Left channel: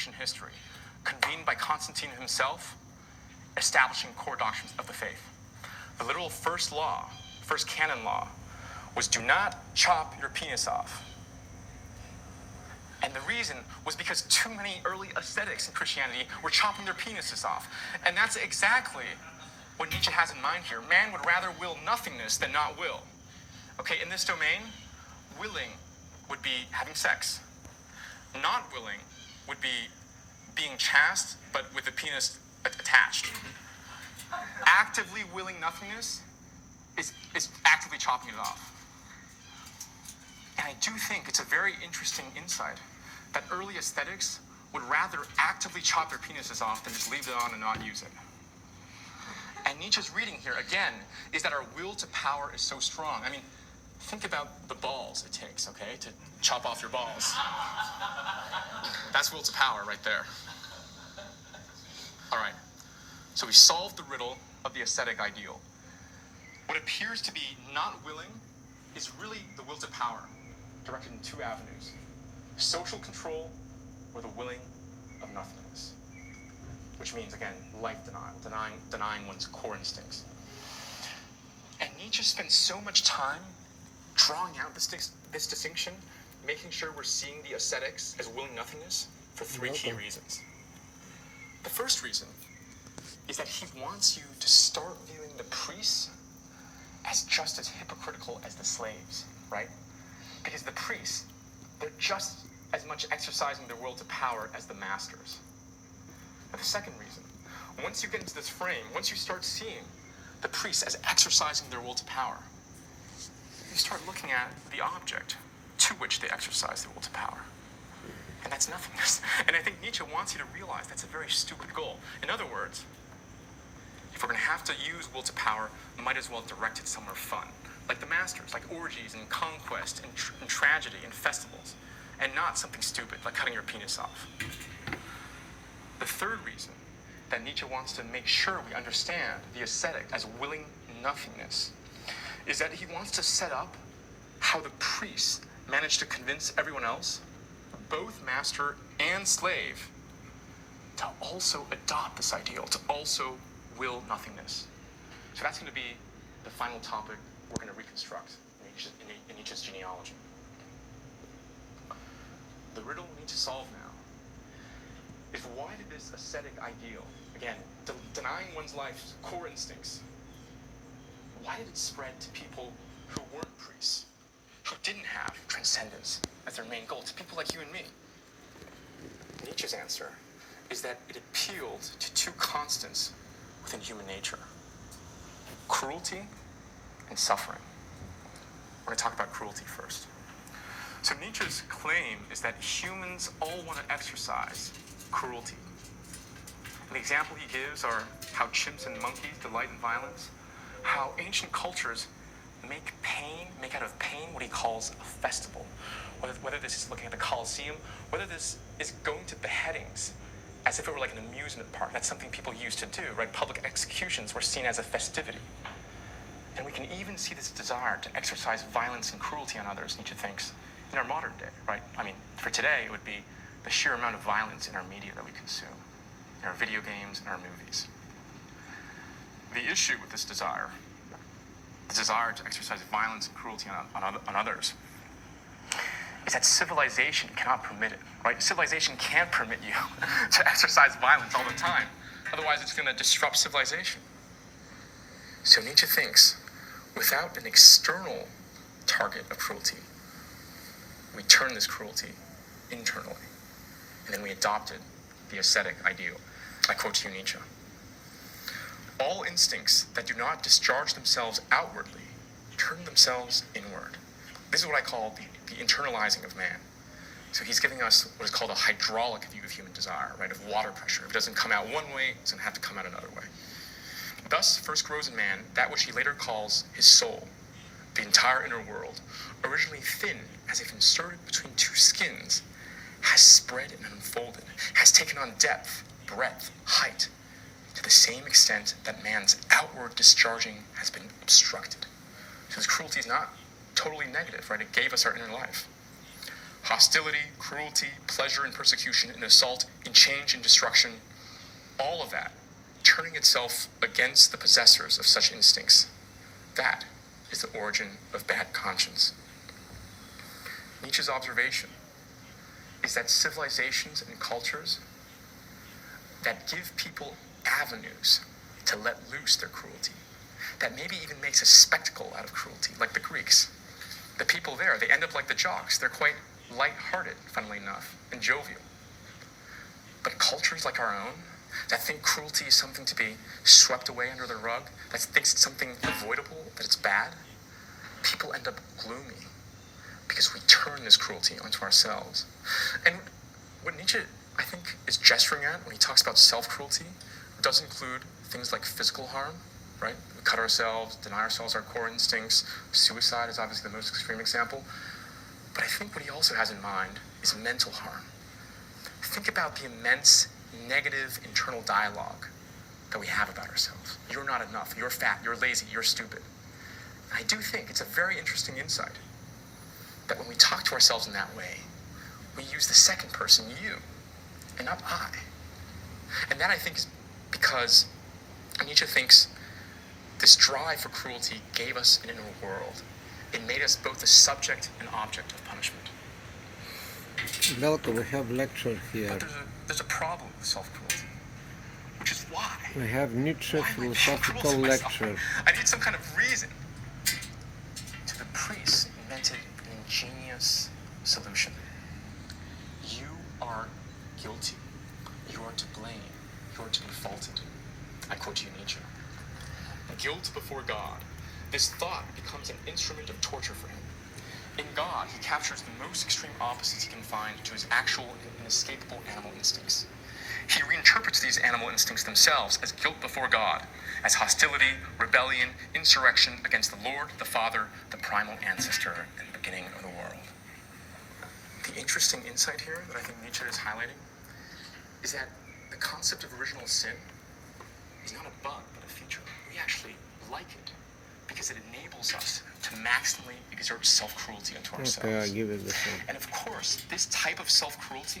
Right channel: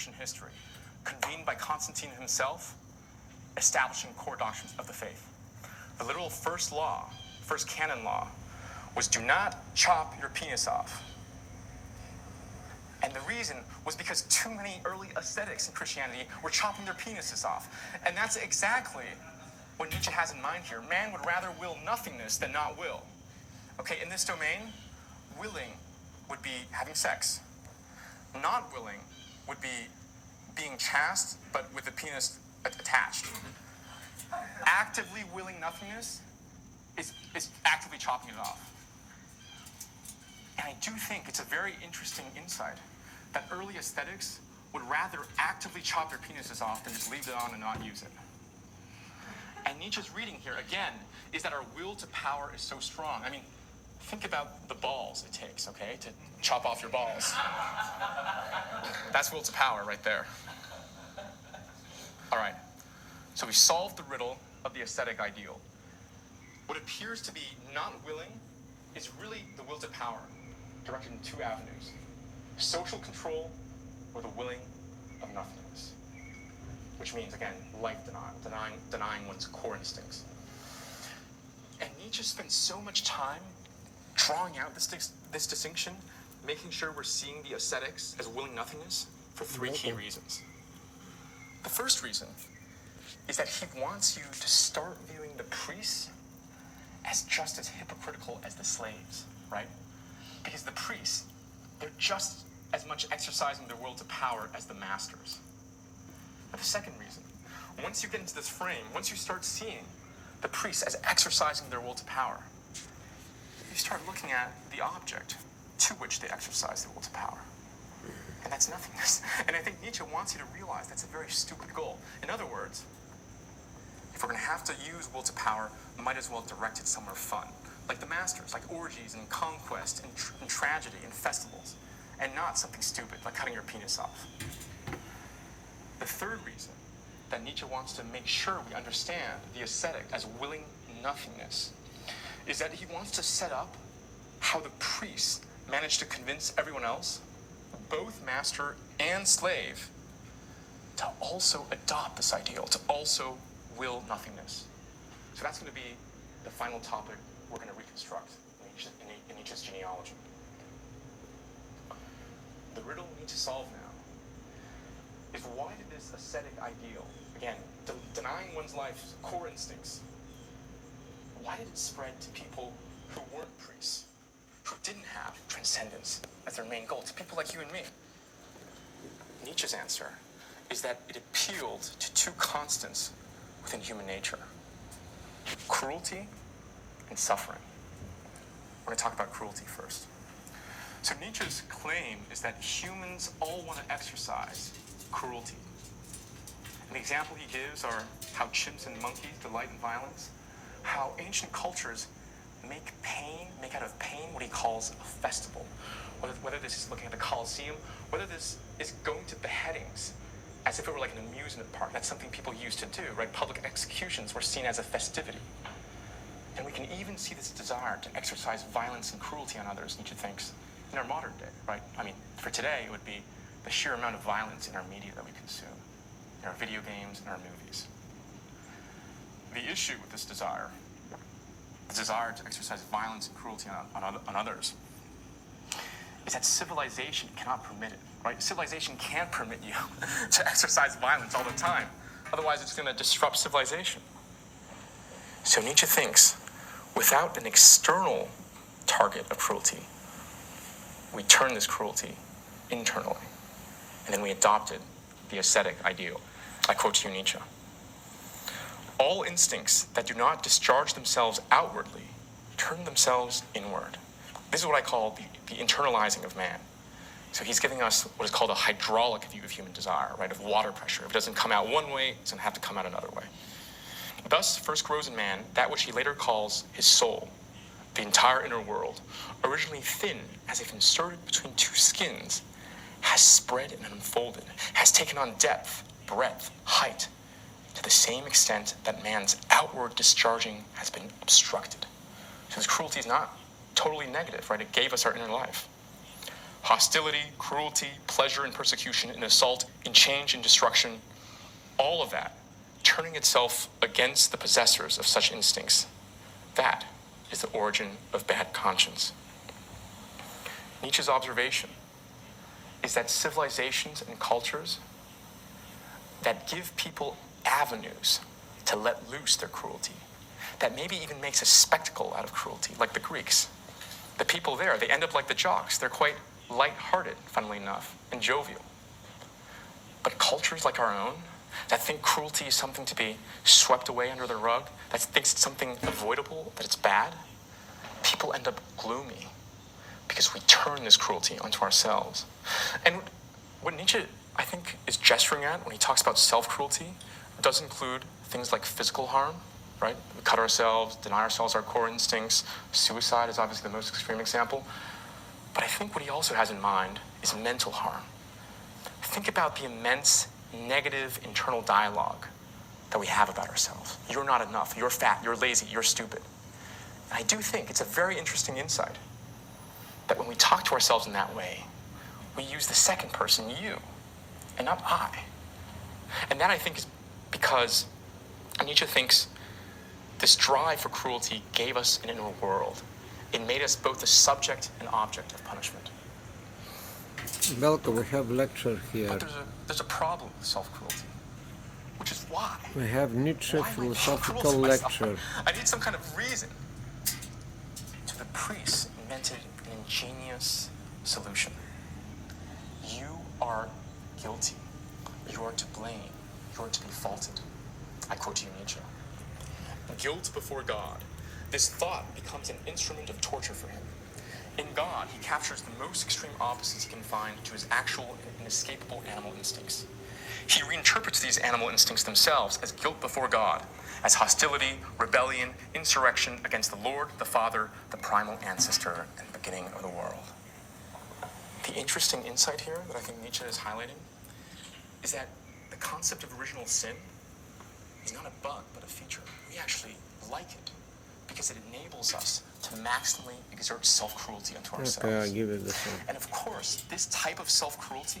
Christian history, convened by Constantine himself, establishing core doctrines of the faith. The literal first canon law, was do not chop your penis off. And the reason was because too many early ascetics in Christianity were chopping their penises off. And that's exactly what Nietzsche has in mind here. Man would rather will nothingness than not will. Okay, in this domain, willing would be having sex. Not willing would be being chaste, but with the penis attached. Actively willing nothingness is actively chopping it off. And I do think it's a very interesting insight that early aesthetics would rather actively chop their penises off than just leave it on and not use it. And Nietzsche's reading here, again, is that our will to power is so strong. I mean, think about the balls it takes, okay, to chop off your balls. That's will to power right there. All right, so we've solved the riddle of the ascetic ideal. What appears to be not willing is really the will to power, directed in two avenues: social control or the willing of nothingness, which means, again, life denial, denying one's core instincts. And Nietzsche spent so much time drawing out this distinction, making sure we're seeing the ascetics as willing nothingness for three key reasons. The first reason is that he wants you to start viewing the priests as just as hypocritical as the slaves, right? Because the priests, they're just as much exercising their will to power as the masters. But the second reason, once you get into this frame, once you start seeing the priests as exercising their will to power, you start looking at the object to which they exercise their will to power. And that's nothingness. And I think Nietzsche wants you to realize that's a very stupid goal. In other words, if we're going to have to use will to power, might as well direct it somewhere fun, like the masters, like orgies and conquest and tragedy and festivals, and not something stupid like cutting your penis off. The third reason that Nietzsche wants to make sure we understand the ascetic as willing nothingness is that he wants to set up how the priests managed to convince everyone else, both master and slave, to also adopt this ideal, to also will nothingness. So that's going to be the final topic we're going to reconstruct in Nietzsche's genealogy. The riddle we need to solve now is, why did this ascetic ideal, again, denying one's life's core instincts, why did it spread to people who weren't priests, who didn't have transcendence as their main goal, to people like you and me? Nietzsche's answer is that it appealed to two constants within human nature: cruelty and suffering. We're going to talk about cruelty first. So Nietzsche's claim is that humans all want to exercise cruelty. And the example he gives are how chimps and monkeys delight in violence, how ancient cultures make out of pain what he calls a festival. Whether this is looking at the Colosseum, whether this is going to beheadings as if it were like an amusement park. That's something people used to do, right? Public executions were seen as a festivity. And we can even see this desire to exercise violence and cruelty on others, Nietzsche thinks, in our modern day, right? I mean, for today, it would be the sheer amount of violence in our media that we consume, in our video games and our movies. The issue with this desire, the desire to exercise violence and cruelty on others, is that civilization cannot permit it, right? Civilization can't permit you to exercise violence all the time. Otherwise, it's going to disrupt civilization. So Nietzsche thinks, without an external target of cruelty, we turn this cruelty internally, and then we adopted the ascetic ideal. I quote to you Nietzsche: "All instincts that do not discharge themselves outwardly turn themselves inward." This is what I call the internalizing of man. So he's giving us what is called a hydraulic view of human desire, right, of water pressure. If it doesn't come out one way, it's going to have to come out another way. Thus first grows in man that which he later calls his soul, the entire inner world, originally thin as if inserted between two skins, has spread and unfolded, has taken on depth, breadth, height, to the same extent that man's outward discharging has been obstructed. So this cruelty is not totally negative, right? It gave us our inner life. Hostility, cruelty, pleasure in persecution, and assault in change and destruction, all of that turning itself against the possessors of such instincts. That is the origin of bad conscience. Nietzsche's observation is that civilizations and cultures that give people avenues to let loose their cruelty, that maybe even makes a spectacle out of cruelty, like the Greeks. The people there, they end up like the jocks. They're quite light-hearted, funnily enough, and jovial. But cultures like our own, that think cruelty is something to be swept away under the rug, that thinks it's something avoidable, that it's bad, people end up gloomy because we turn this cruelty onto ourselves. And what Nietzsche, I think, is gesturing at when he talks about self-cruelty does include things like physical harm, right? We cut ourselves, deny ourselves our core instincts. Suicide is obviously the most extreme example. But I think what he also has in mind is mental harm. Think about the immense negative internal dialogue that we have about ourselves. You're not enough, you're fat, you're lazy, you're stupid. And I do think it's a very interesting insight that when we talk to ourselves in that way, we use the second person, you, and not I. And that, I think, is because Nietzsche thinks this drive for cruelty gave us an inner world. It made us both the subject and object of punishment. Welcome, we have lecture here. But there's a problem with self-cruelty, which is why. We have Nietzsche philosophical lecture. I need some kind of reason. To the priests invented an ingenious solution. You are guilty. You are to blame. You are to be faulted. I quote you, Nietzsche. Guilt before God. This thought becomes an instrument of torture for him. In God, he captures the most extreme opposites he can find to his actual and inescapable animal instincts. He reinterprets these animal instincts themselves as guilt before God, as hostility, rebellion, insurrection against the Lord, the Father, the primal ancestor, and the beginning of the world. The interesting insight here that I think Nietzsche is highlighting is that the concept of original sin is not a bug, but a feature. We actually like it because it enables us to maximally exert self-cruelty unto ourselves. Okay, I'll give it the same. And of course, this type of self-cruelty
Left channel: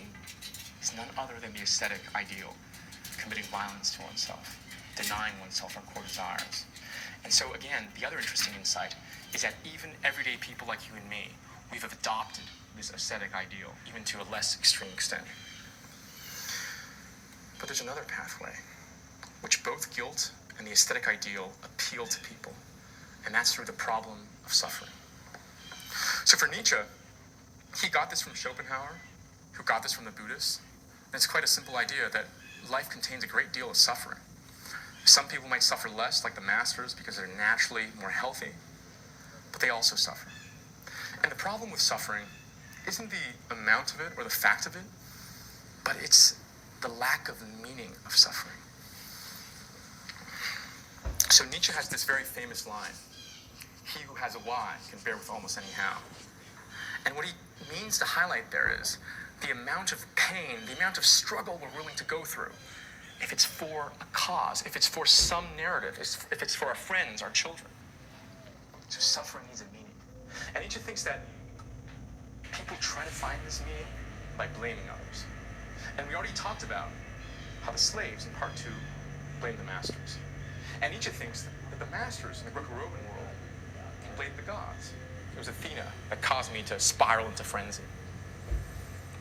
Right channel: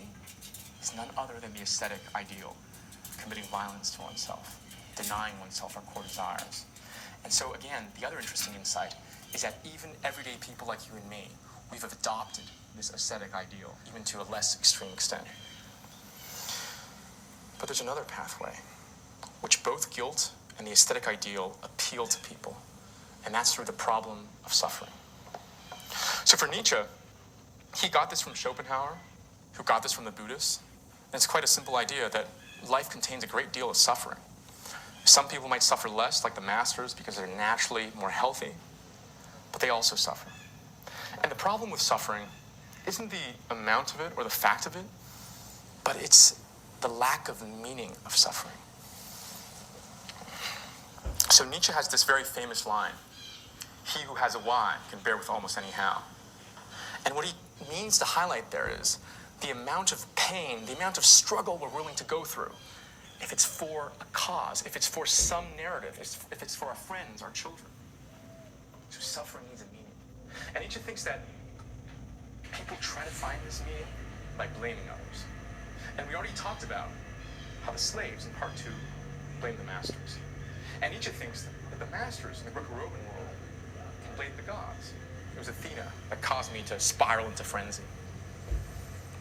is none other than the ascetic ideal, committing violence to oneself, denying oneself our core desires. And so again, the other interesting insight is that even everyday people like you and me, we've adopted this ascetic ideal, even to a less extreme extent. But there's another pathway, which both guilt and the aesthetic ideal appeal to people, and that's through the problem of suffering. So for Nietzsche, he got this from Schopenhauer, who got this from the Buddhists, and it's quite a simple idea that life contains a great deal of suffering. Some people might suffer less, like the masters, because they're naturally more healthy, but they also suffer. And the problem with suffering isn't the amount of it or the fact of it, but it's the lack of meaning of suffering. So Nietzsche has this very famous line, "He who has a why can bear with almost any how." And what he means to highlight there is the amount of pain, the amount of struggle we're willing to go through, if it's for a cause, if it's for some narrative, if it's for our friends, our children. So suffering needs a meaning. And Nietzsche thinks that people try to find this meaning by blaming others. And we already talked about how the slaves in part 2 blame the masters. And Nietzsche thinks that the masters in the Greco-Roman world can blame the gods. It was Athena that caused me to spiral into frenzy.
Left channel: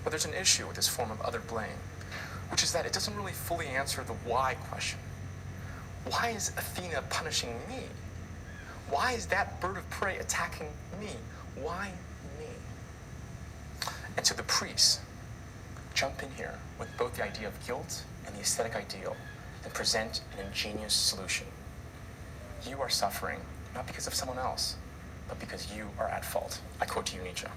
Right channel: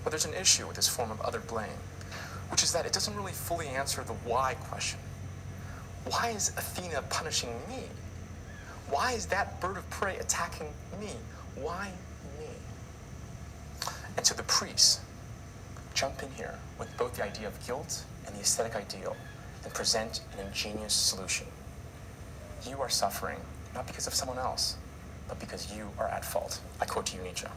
But there's an issue with this form of other blame, which is that it doesn't really fully answer the why question. Why is Athena punishing me? Why is that bird of prey attacking me? Why me? And so the priests jump in here with both the idea of guilt and the aesthetic ideal and present an ingenious solution. You are suffering not because of someone else, but because you are at fault. I quote you, Nietzsche.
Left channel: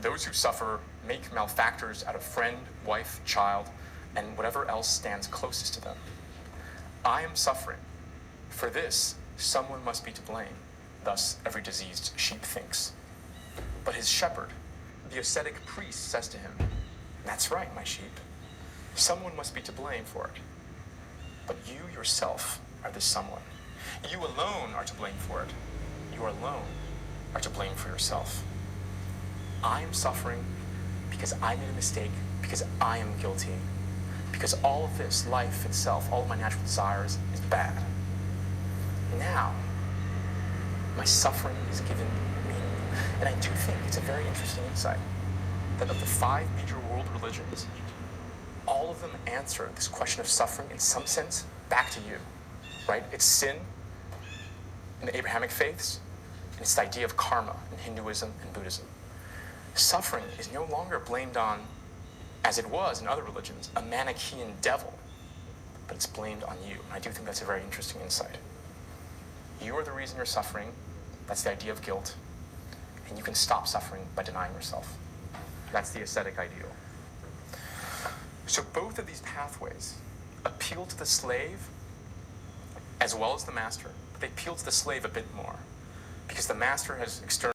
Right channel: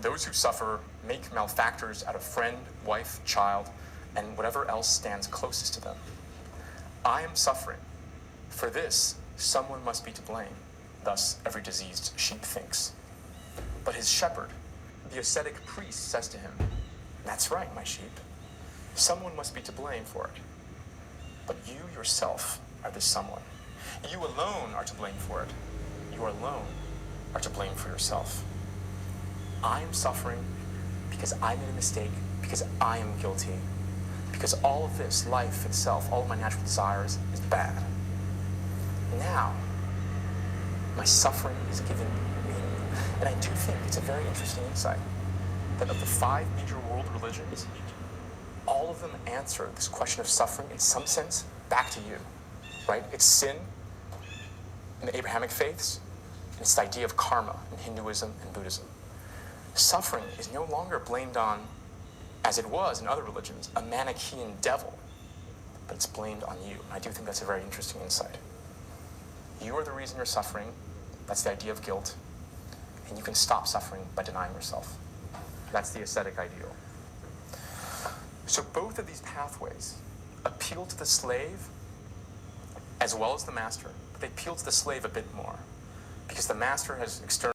Those who suffer make malefactors out of friend, wife, child, and whatever else stands closest to them. I am suffering. For this, someone must be to blame. Thus, every diseased sheep thinks. But his shepherd, the ascetic priest, says to him, "That's right, my sheep. Someone must be to blame for it. But you yourself are the someone. You alone are to blame for it. You alone are to blame for yourself." I am suffering because I made a mistake, because I am guilty, because all of this, life itself, all of my natural desires, is bad. Now, my suffering is given meaning. And I do think it's a very interesting insight that of the 5 major world religions, all of them answer this question of suffering in some sense back to you, right? It's sin in the Abrahamic faiths, and it's the idea of karma in Hinduism and Buddhism. Suffering is no longer blamed on, as it was in other religions, a Manichaean devil, but it's blamed on you. And I do think that's a very interesting insight. You are the reason you're suffering. That's the idea of guilt. And you can stop suffering by denying yourself. That's the ascetic ideal. So both of these pathways appeal to the slave as well as the master. But they appeal to the slave a bit more because the master has external